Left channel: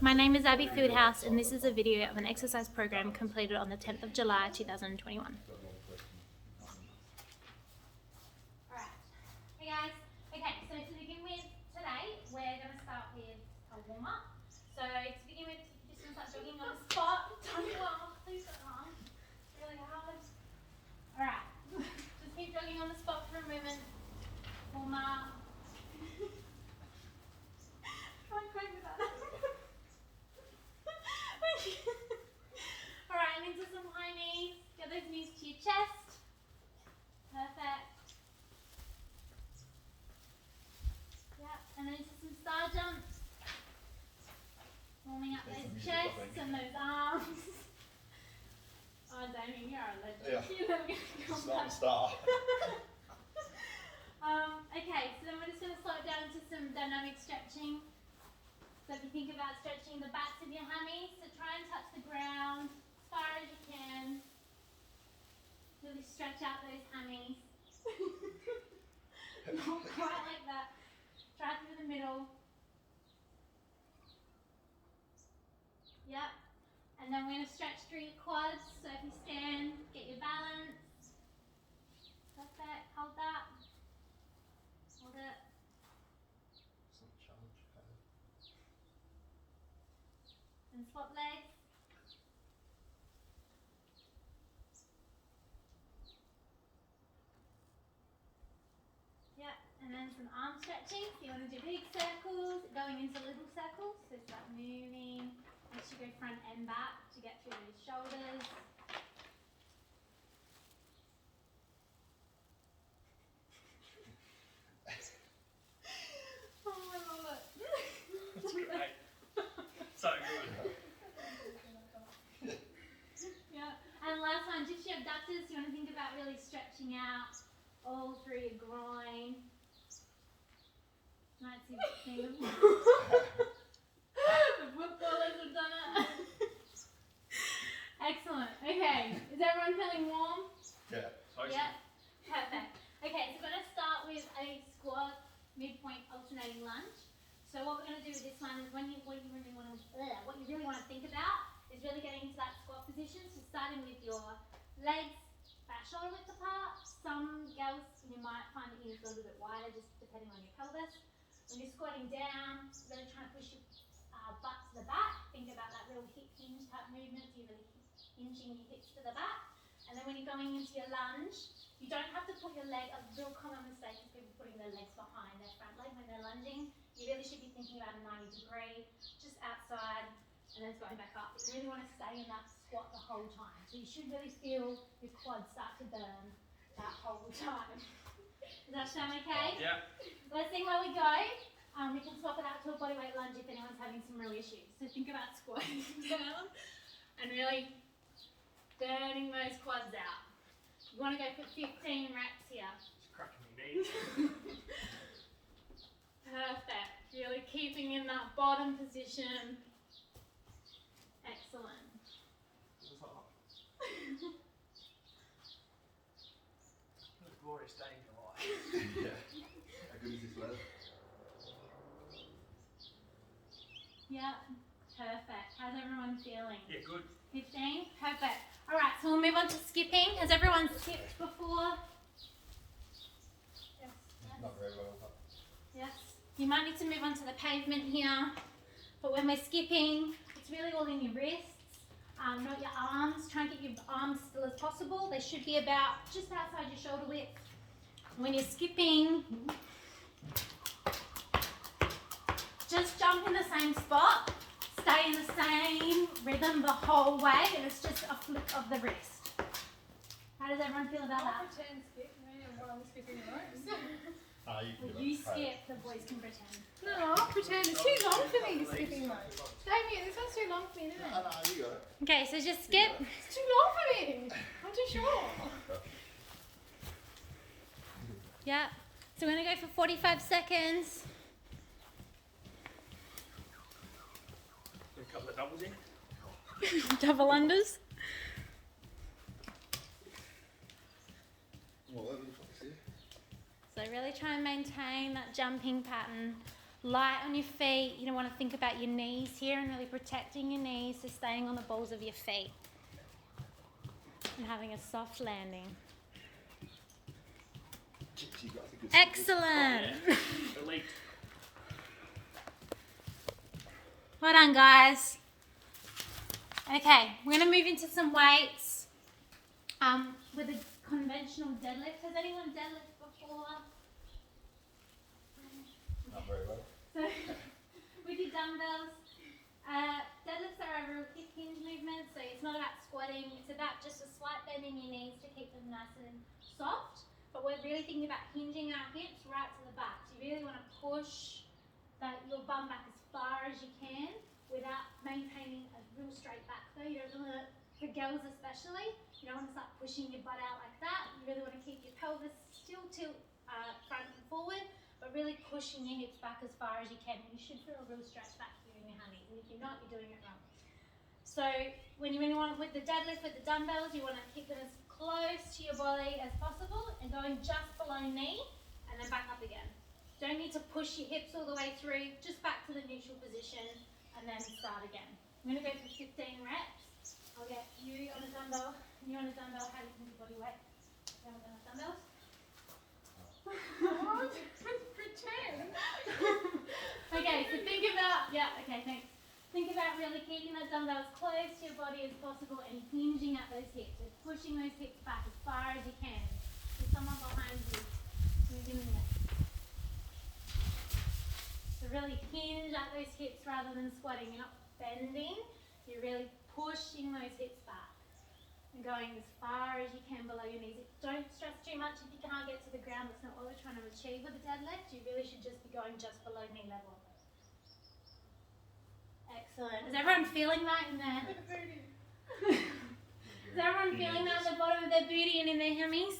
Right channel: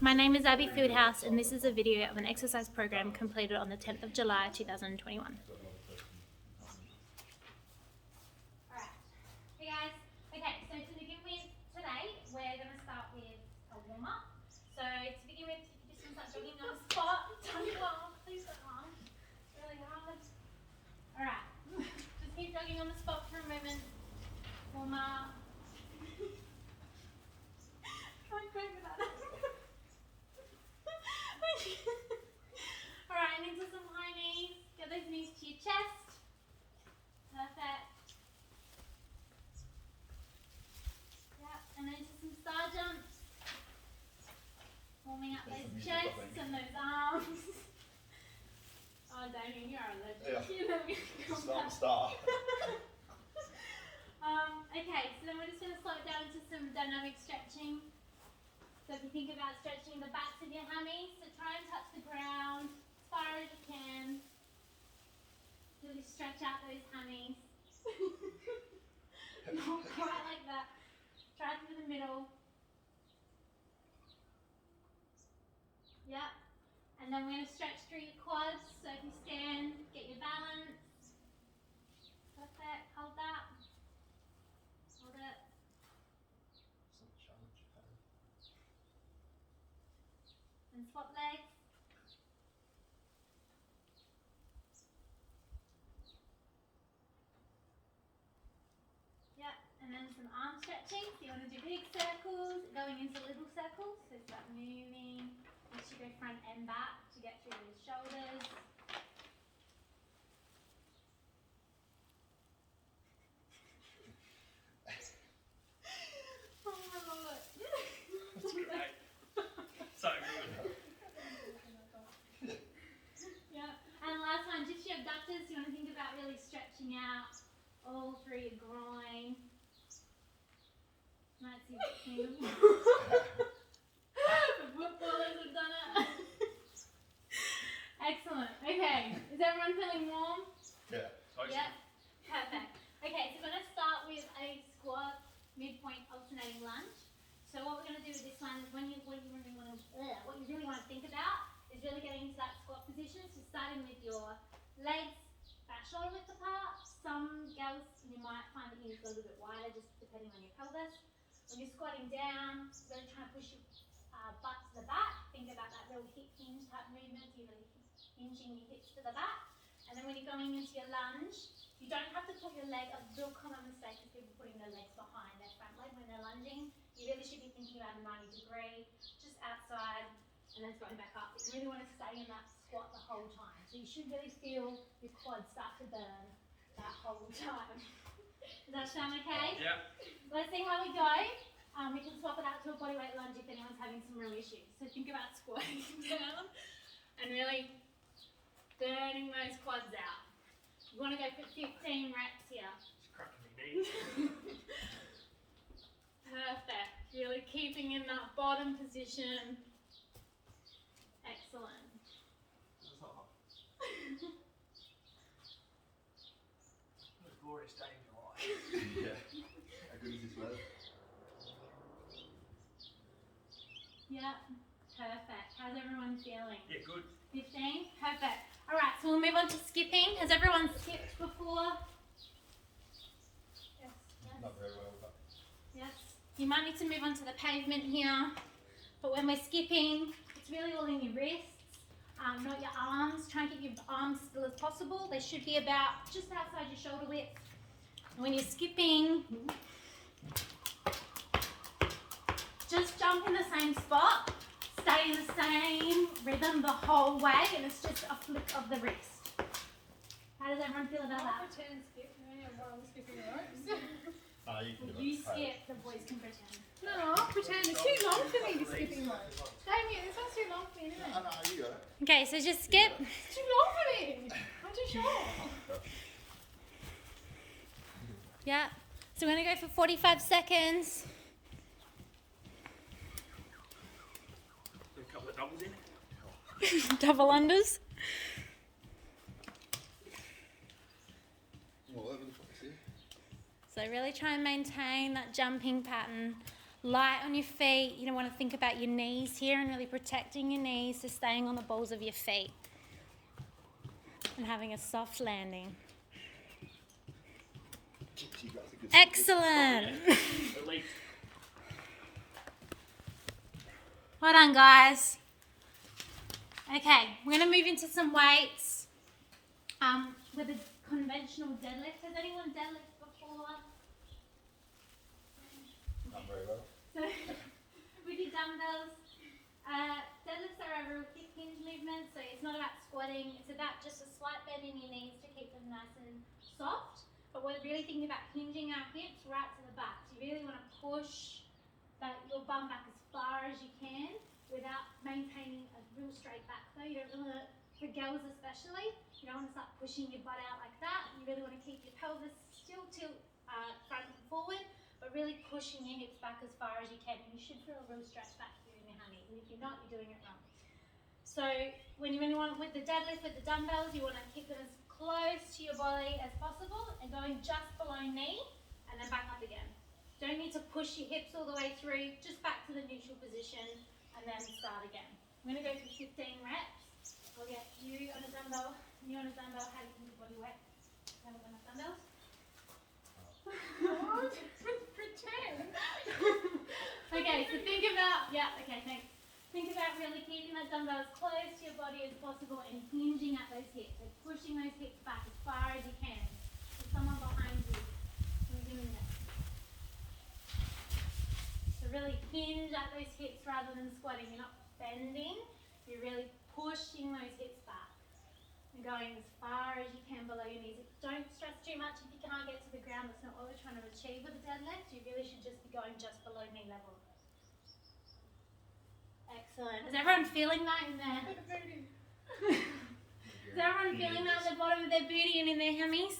My name is Abby Fieldhouse and this is a video of an exercise program completed on the 10th of July 2021. Alright, hey guys. Okay, so to begin with today, we're going to start with a warm-up. So to begin with, you just want to start jogging on the spot. Don't laugh, please don't laugh. It's really hard. Alright, just keep jogging on the spot for a moment. Warm up. Don't crack with that. Alright, and into some high knees. Get those knees to your chest. Perfect. Yep, and then into some star jumps. Warming up those chests and those arms. Oh, Damien, you're a legend. Yeah. You're never going to come back. Star. Okay, so then we're just going to slow it down to some dynamic stretching. So if you think about stretching the backs of your hammies, so try and touch the ground as far as you can. Really stretch out those hammies. Not quite like that. Try through the middle. Yep. And then we're going to stretch through your quads. So if you stand, get your balance. Perfect. Hold that. Hold it. And swap legs. Yep, and then some arm stretching. So you want to do big circles, going into little circles. So start moving. You should go front and back to get through your shoulders. Oh my god. It's great. So good. Yeah, and last one, just your abductors. You want to think about really stretching out all through your groin. Might see the footballers have done it. Excellent. Okay, is everyone feeling warm? Yeah. Yeah, perfect. Okay, so we're going to start with a squat midpoint alternating lunge. So what we're going to do with this one is what you really want to think about is really getting into that squat position. So starting with your legs about shoulder width apart. Some girls, you might find that you need to go a little bit wider just depending on your pelvis. When you're squatting down, really trying to push your butt to the back. Think about that real hip hinge type movement. So you're really hinging your hips to the back. And then when you're going into your lunge, you don't have to put your leg, a real common mistake is people putting their legs behind their front leg when they're lunging. You really should be thinking about a 90 degree, just outside, and then going back up. You really want to stay in that squat the whole time. So you should really feel your quads start to burn that whole time. Does that sound okay? Yeah. Let's see where we go. We can swap it out to a bodyweight lunge if anyone's having some real issues. So think about squatting down and really burning those quads out. You want to go for 15 reps here. It's cracking me knees. Perfect. Really keeping in that bottom position. Excellent. What a glorious day in your life. Yeah. How good is this weather? Yeah. Perfect. How's everyone feeling? Yeah, good. 15? Perfect. Alright, so we'll move on to skipping. Has everyone skipped before? Yes. Not very well, but Yes. You might need to move on to the pavement here. But when we're skipping, it's really all in your wrists, not your arms. Try and keep your arms still as possible. They should be about just outside your shoulder width. When you're skipping, just jump in the same spot. Stay in the same rhythm the whole way, and it's just a flick of the wrist. How does everyone feel about that? Pretend skip me while I'm skipping the ropes. you can do You it. skip, the boys can pretend. No, I'll pretend. It's too long for me to skipping ropes. Damien, this one's too long for me, isn't it? No, you got it. Okay, so just skip. It's too long for me. I'm too short. Yeah. So we're going to go for 45 seconds. A couple of doubles in. Double unders. All over the place, yeah. So really try and maintain that jumping pattern light on your feet. You don't want to think about your knees here and really protecting your knees, so staying on the balls of your feet and having a soft landing. Excellent. Elite. Well done, guys. Okay, we're going to move into some weights with a conventional deadlift. Has anyone deadlifted before? Not very well. So, with your dumbbells, deadlifts are a real quick hinge movement, so it's not about squatting, it's about just a slight bend in your knees to keep them nice and soft. But we're really thinking about hinging our hips right to the back. So you really want to push your bum back as far as you can without maintaining a real straight back though. You don't want to, for girls especially, you don't want to start pushing your butt out like that. You really want to keep your pelvis still tilt front and forward, but really pushing your hips back as far as you can. You should feel a real stretch back here in your hammies, and if you're not, you're doing it wrong. So when you really want with the deadlift, with the dumbbells, you want to keep them as close to your body as possible and going just below knee and then back up again. Don't need to push your hips all the way through, just back to the neutral position and then start again. I'm going to go through 15 reps. I'll get you on a dumbbell, you on a dumbbell. How do you think your body weight? How on dumbbells? Pretend. Okay, so think about, okay, thanks. Think about really keeping that dumbbell as close to your body as possible and hinging at those hips. So pushing those hips back as far as you can. There's someone behind you. We're doing that. So really hinge at those hips rather than squatting. You're not bending, you're really pushing those hips back. And going as far as you can below your knees. Don't stress too much if you can't get to the ground. That's not what we're trying to achieve with a deadlift. You really should just be going just below knee level. Excellent. Is everyone feeling that in their... Is everyone feeling that at the bottom of their booty and in their hammies?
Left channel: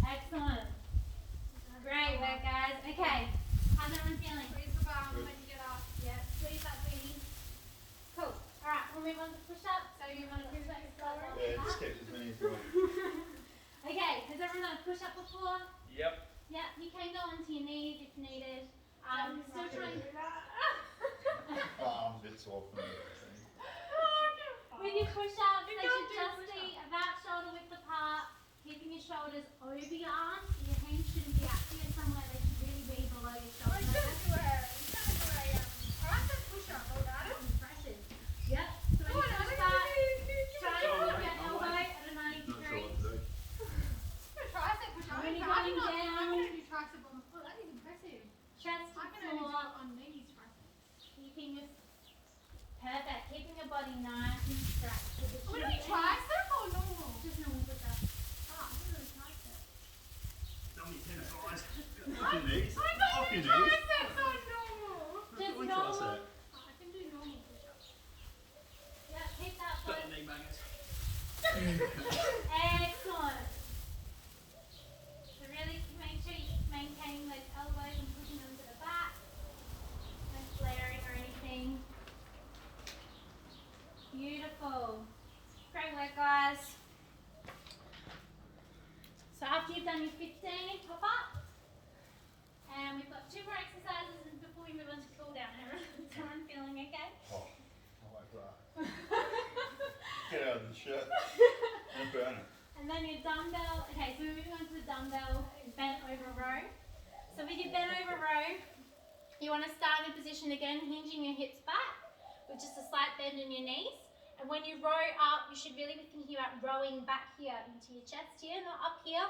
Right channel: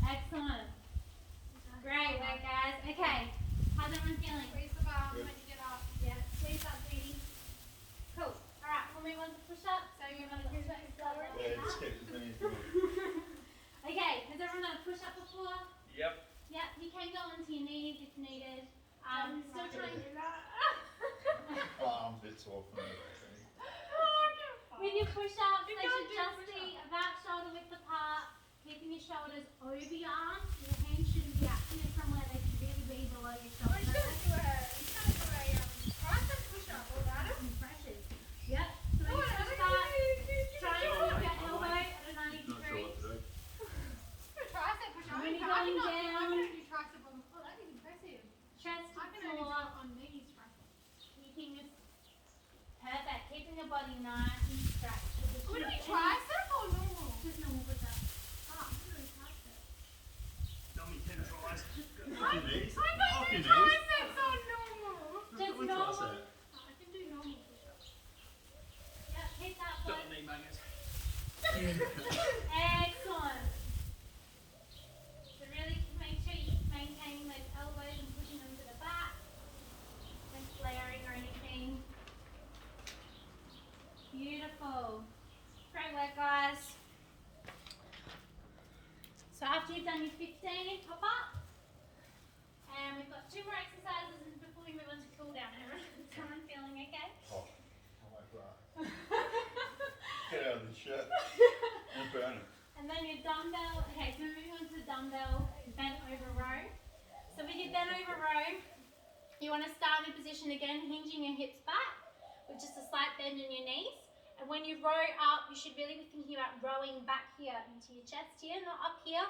Excellent. Great work, guys. Okay. How's everyone feeling? Squeeze the bar when you get up. Yeah, squeeze that booty. Cool. Alright, we'll move on to push-ups. So you want to push that forward? Yeah, just keep as many as you want. Okay, has everyone done a push-up before? Yep. Yeah, you can go onto your knees if needed. Still trying Arm bits off and everything. with your push-ups, they can't should do just push-ups. be about shoulder width apart, keeping your shoulders over your arms. Your hands shouldn't be up here somewhere, they should really be below your Oh, shoulders. tricep push-up, alright? Pressures. Yep. So when you push back, try and put your elbow at a 90 Not sure degree. what to do. Tricep push-up. When you're I'm going not down- I'm going to do tricep on the floor. That is impressive. Chest I to can only do floor. it on knees tricep. Keeping your perfect. Keeping your body nice and stretched. Are we doing tricep or normal? Just normal push-up. Ah, I'm doing tricep. Dummy 10 tries. Off your knees. I Off thought your you knees. triceps on normal. Just We normal. trust that. I can do normal push-ups. Yeah, keep that Got foot. the knee bangers. Excellent. So really make sure you're maintaining those elbows and pushing them to the back. No flaring or anything. Beautiful. Great work, guys. So after you've done your 15, pop up. And we've got 2 more exercises before we move on to cool down. Is everyone feeling okay? Oh, I like that. Get out of the shirt and burn it. And then your dumbbell, okay, so we're moving on to the dumbbell bent over row. So with your bent over row, you want to start in a position again, hinging your hips back with just a slight bend in your knees. And when you row up, you should really be thinking about rowing back here into your chest here, not up here,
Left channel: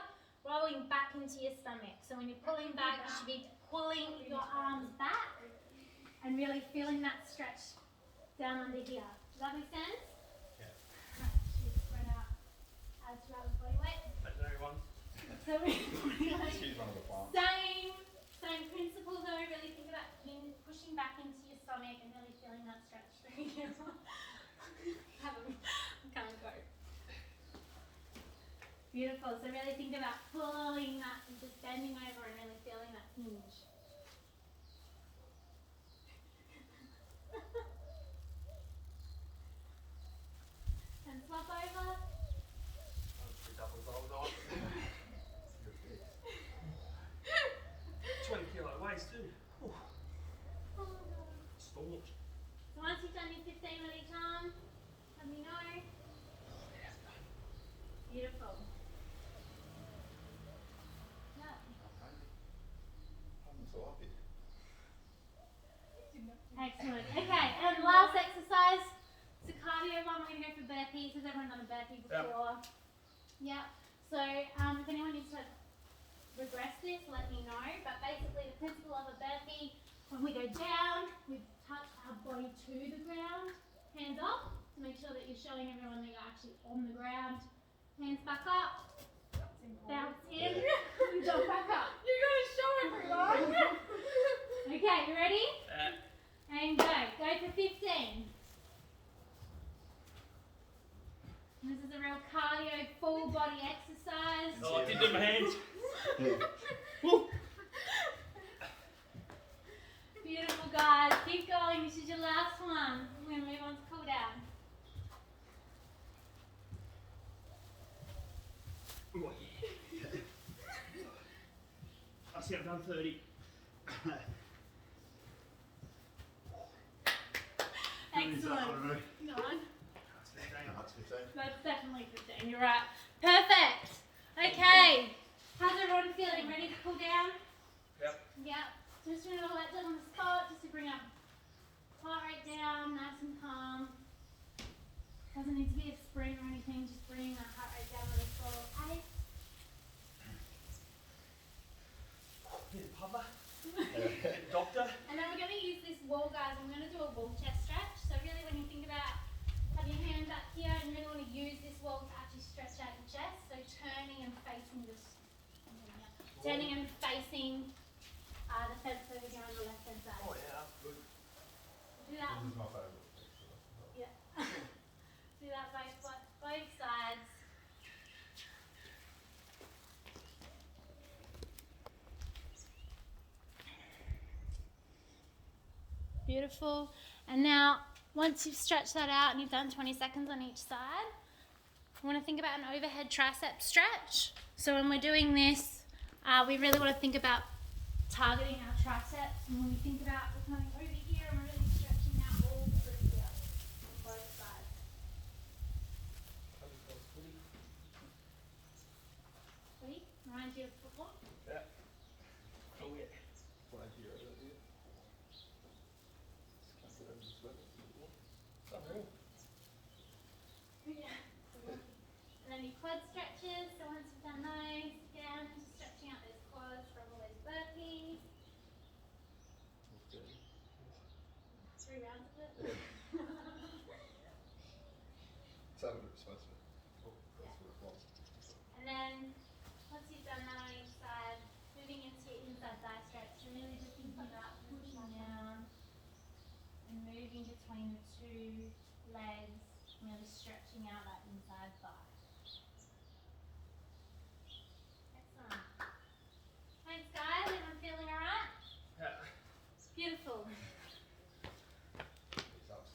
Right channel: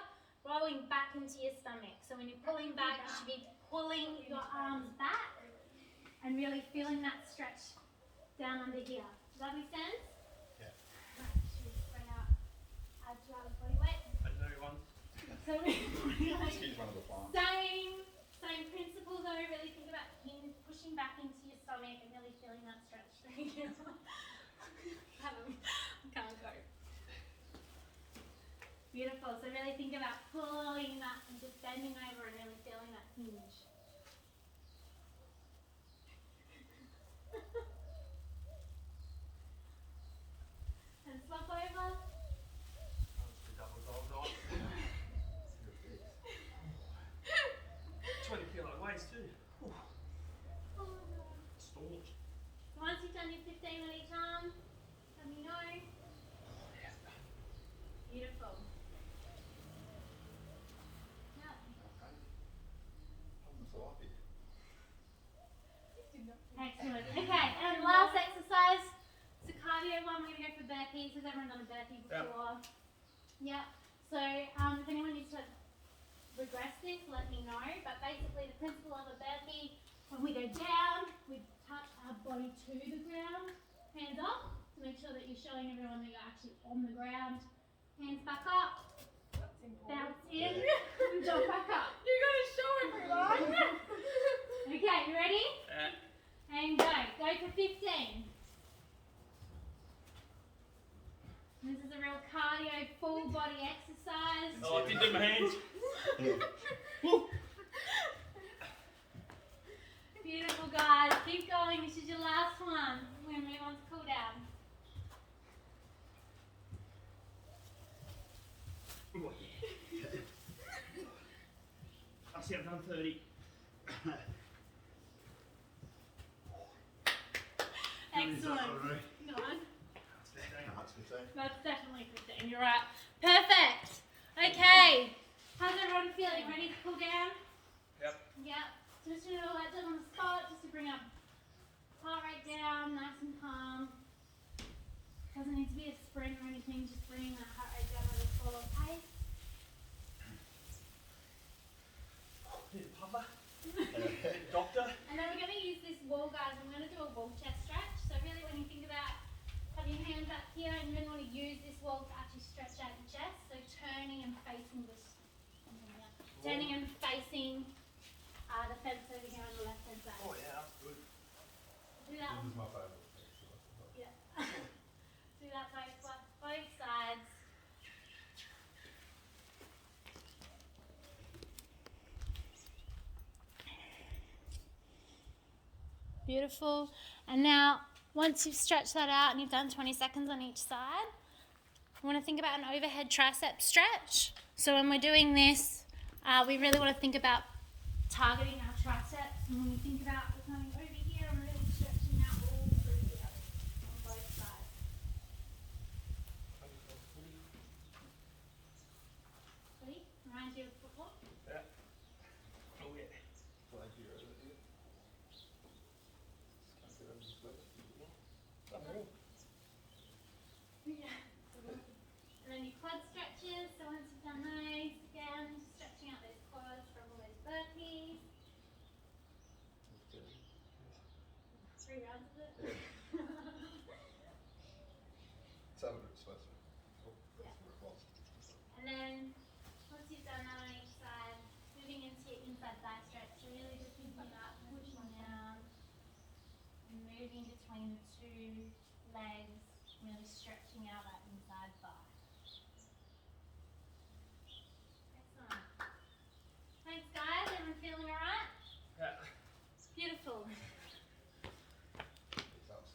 rowing back into your stomach. So when you're pulling back, you should be pulling your arms back and really feeling that stretch down under here. Does that make sense? Yeah. Spread out. Add to our body weight. Thanks everyone. So Excuse one of the farm. same principle though, really think about pushing back into your stomach and really feeling that stretch through you. Can't go. Beautiful, so really think about pulling that and just bending over and really feeling that hinge. And swap over. sloppy. Excellent. Okay, and last exercise, it's a cardio one. We're going to go for burpees. Has everyone done a burpee before? Yep. So if anyone needs to regress this, let me know. But basically the principle of a burpee, when we go down, we touch our body to the ground, hands up, to make sure that you're showing everyone that you're actually on the ground. Hands back up, bounce in, and jump back up. You're gonna show everyone. Okay, you ready? And go. Go for 15. This is a real cardio, full body exercise. Oh, I can do my hands. Beautiful, guys. Keep going. This is your last one. We're going to move on to cool down. Oh, yeah. I see I've done 30. Excellent. Go on. That's 15. That's definitely 15. You're right. Perfect. Okay. How's everyone feeling? Ready to cool down? Yep. Yep. Just doing all that done on the spot, just to bring up heart rate down, nice and calm. Doesn't need to be a sprint or anything, just bringing that heart rate down at a slower pace. Papa. Doctor. And then we're going to use this wall, guys. I'm going to do a wall chest stretch. So really when you think about having your hands up here, and you really want to use this wall to actually stretch out your chest. So turning and facing the fence over here on the left hand side. Oh, yeah, that's good. Do that. This is my favourite. Yeah. Do that both sides. Beautiful. And now, once you've stretched that out and you've done 20 seconds on each side, we want to think about an overhead tricep stretch. So when we're doing this, we really want to think about targeting our triceps. And when we think about we're coming over here and really stretching out all through here on both sides. Sweet. Reminds you of football? Yeah. Oh, yeah. Thank you. And then your quad stretches, so once you've done those, again, just stretching out those quads from all those burpees. 3 rounds of it. And then, once you've done that on each side, moving into your inside thigh stretch, you're really just thinking about pushing down and moving between the two legs, really stretching out that inside